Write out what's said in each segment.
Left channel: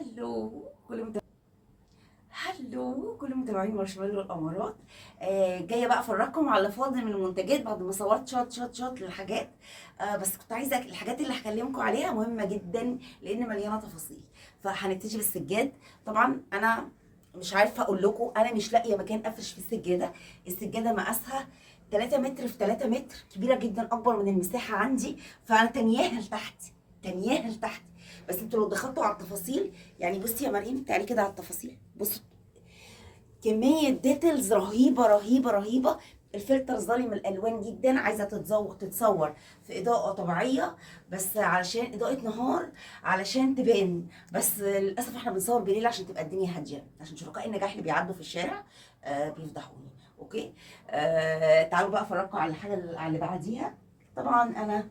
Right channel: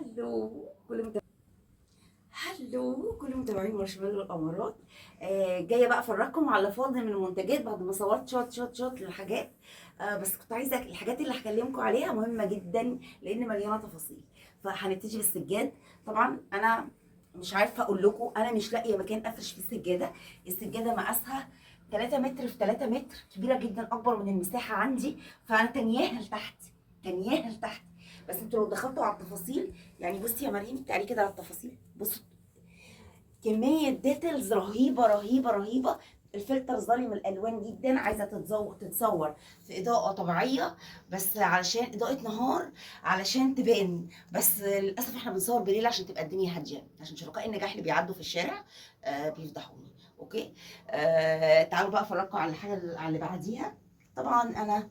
هلو كل متابعين مارشميلو والامارات. جايه بقى افرجكم على فاضل من المنتجات بعد ما صورت شوت للحاجات. بس كنت عايزه الحاجات اللي هكلمكم عليها مهمه جدا لان مليانه تفاصيل. فهنبتدي بالسجاد. طبعا انا مش عارفه اقول لكم، انا مش لاقيه مكان افرش فيه السجاده. السجاده مقاسها 3 متر في 3 متر، كبيره جدا، اكبر من المساحه عندي، فانا تانياها لتحت. بس انتوا لو دخلتوا على التفاصيل، يعني بصي يا مريم تعالي كده على التفاصيل، بصي كمية ديتيلز رهيبة. الفلتر ظالم الالوان جدا، عايزه تتصور في اضاءه طبيعيه، بس علشان اضاءه نهار علشان تبان. بس للاسف احنا بنصور بالليل عشان تبقى الدنيا هاديه، عشان شركاء النجاح اللي بيعدوا في الشارع بيفضحوني. اوكي. تعالوا بقى افرجكم على الحاجه اللي بعديها. طبعا انا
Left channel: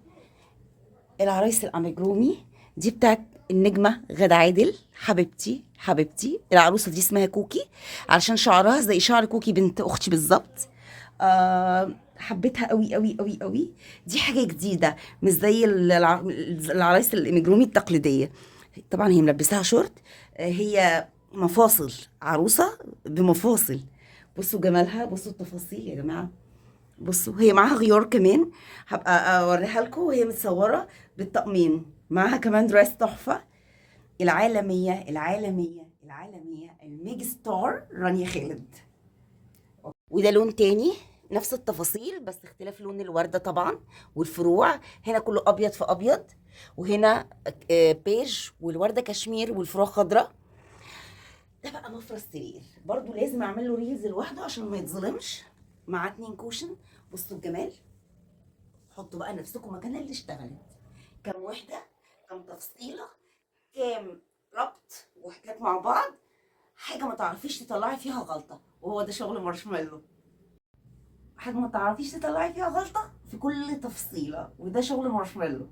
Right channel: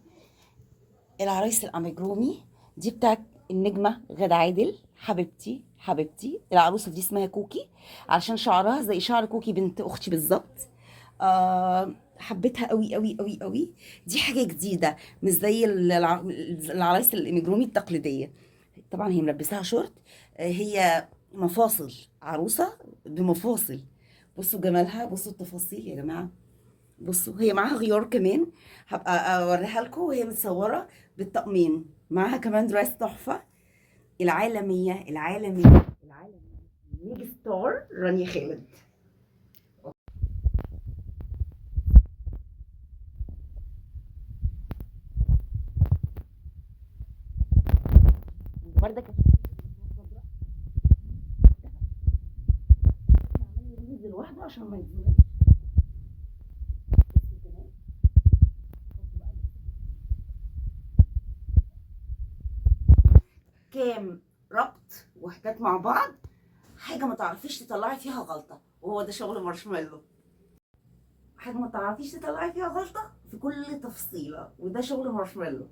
العرايس الاميجرومي دي بتاعت النجمة غادة عادل، حبيبتي. العروسة دي اسمها كوكي علشان شعرها زي شعر كوكي بنت اختي بالظبط. حبيتها قوي. دي حاجة جديدة، مش زي العرايس الاميجرومي التقليدية. طبعا هي ملبساها شورت. هي مفاصل، عروسة بمفاصل. بصوا جمالها، بصوا التفاصيل يا جماعة. بصوا هي معاها غيار كمان، هبقى اوريها لكم وهي متصوره بالطقمين. معاها كمان دراس تحفه. العالميه الميج ستار رانيا خالد. وده لون تاني، نفس التفاصيل بس اختلاف لون الورده طبعا، والفروع هنا كله ابيض في ابيض، وهنا بيج، والورده كشمير، والفروع خضراء. ده بقى مفرش سرير، برضو لازم اعمل له ريلز لوحده عشان ما يتظلمش، مع 2 كوشن. بصوا الجمال. حطوا بقى نفسكم مكان اللي اشتغلت، كام وحده، كام تفصيله، كام ربط وحدات مع بعض، حاجه ما تعرفيش تطلعي فيها غلطه، وهو ده شغل مارشميلو. حاجه ما تعرفيش تطلعي فيها غلطه في كل تفصيله، وده شغل مارشميلو.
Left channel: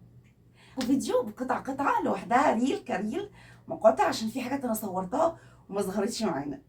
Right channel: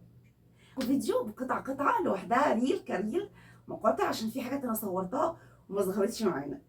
وفيديو بقطعه لوحدها، ريل كريل، مقاطع، عشان في حاجات انا صورتها وما ظهرتش معانا.